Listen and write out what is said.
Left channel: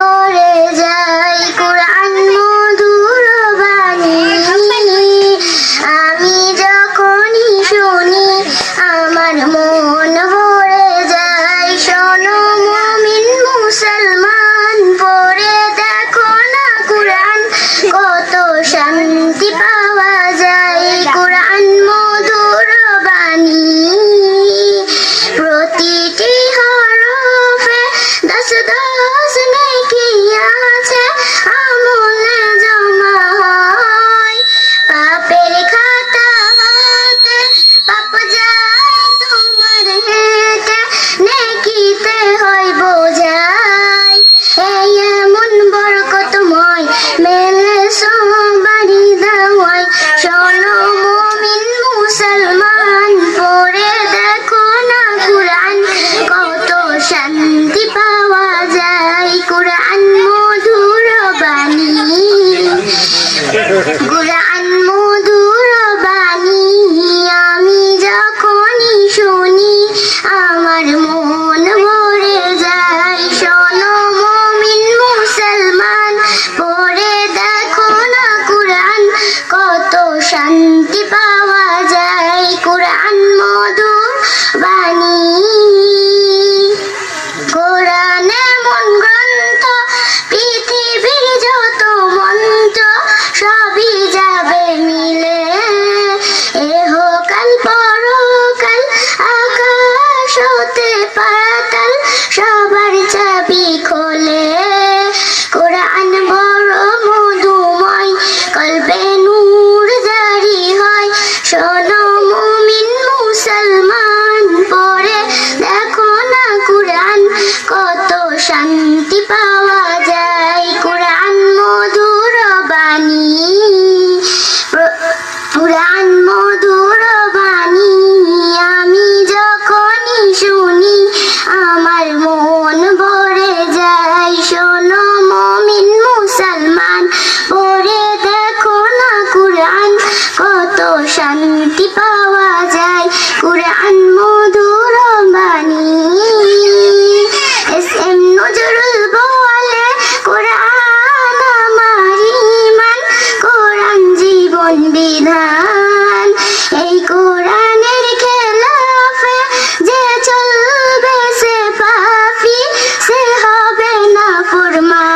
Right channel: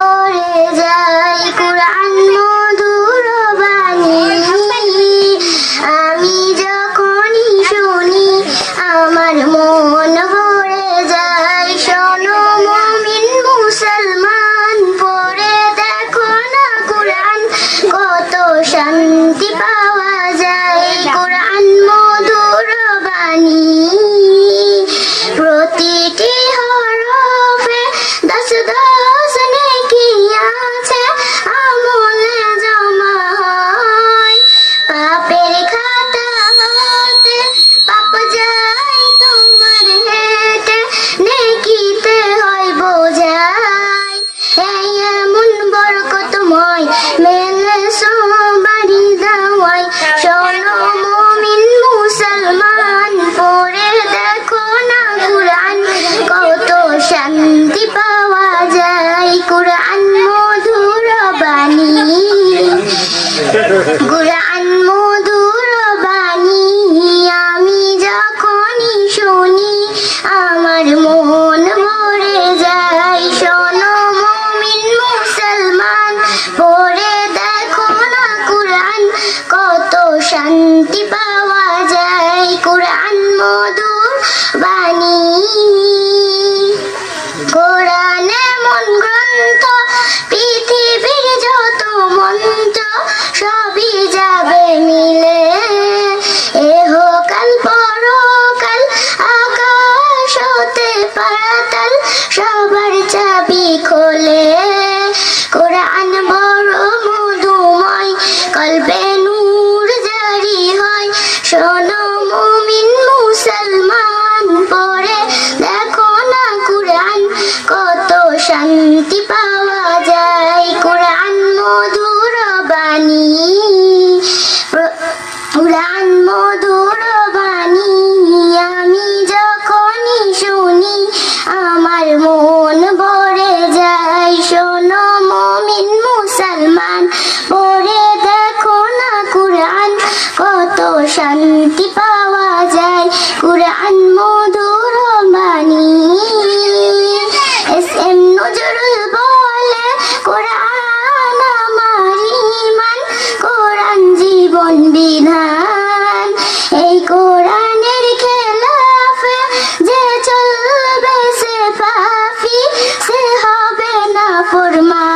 করে যায় কোরআন মধুর বাণী। আমি যখনই শুনি আমার মন ভরে যায়। শোনো মুমিন মুসলমান, পড়ে দেখো না কোরআন, কত শান্তি পাওয়া যায় কোরআন মধুর বাণী। প্রতিটি হরফে দশ দশ নেকি আছে, আমলে জমা হয়। পাপের খাতা হতে পাপ যায় তোমার হেঁটে, নেকিতে হয় বোঝাই। এই এমন বরকতময় মেলে সবারই দাওয়ায়। শোনো মুমিন মুসলমান, পড়ে দেখো না কোরআন, কত শান্তি পাওয়া যায় কোরআন মধুর বাণী। কোরআন মধুর বাণী আমি যখনই শুনি আমার মন ভরে যায়। শোনো মুমিন মুসলমান, পড়ে দেখো না কোরআন, কত শান্তি পাওয়া যায় কোরআন মধুর বাণী। কোরআন এমন গ্রন্থ, পৃথিবীর যত মন্ত্র সবই যাবে মিলে। এহকাল পরকাল আকাশ হতে পাতাল, সবার চাবি খোলে। কোরআন বড় মধুময়, কলবে নূর জারি হয়। শোনো মুমিন মুসলমান, পড়ে দেখো না কোরআন, কত শান্তি পাওয়া যায় কোরআন মধুর বাণী। কোরআন মধুর বাণী আমি যখনই শুনি আমার মন ভরে যায়। শোনো মুমিন মুসলমান, পড়ে দেখো না কোরআন, কত শান্তি পাওয়া যায় কোরআন মধুর বাণী। এস.এম. নজরুল বলে কোরআন আমার ঈমান, কোরআন জীবন বিধান। এই কোরআনের খেলাফে যে চলবে সে পাপী, সে হবে না ফরমান।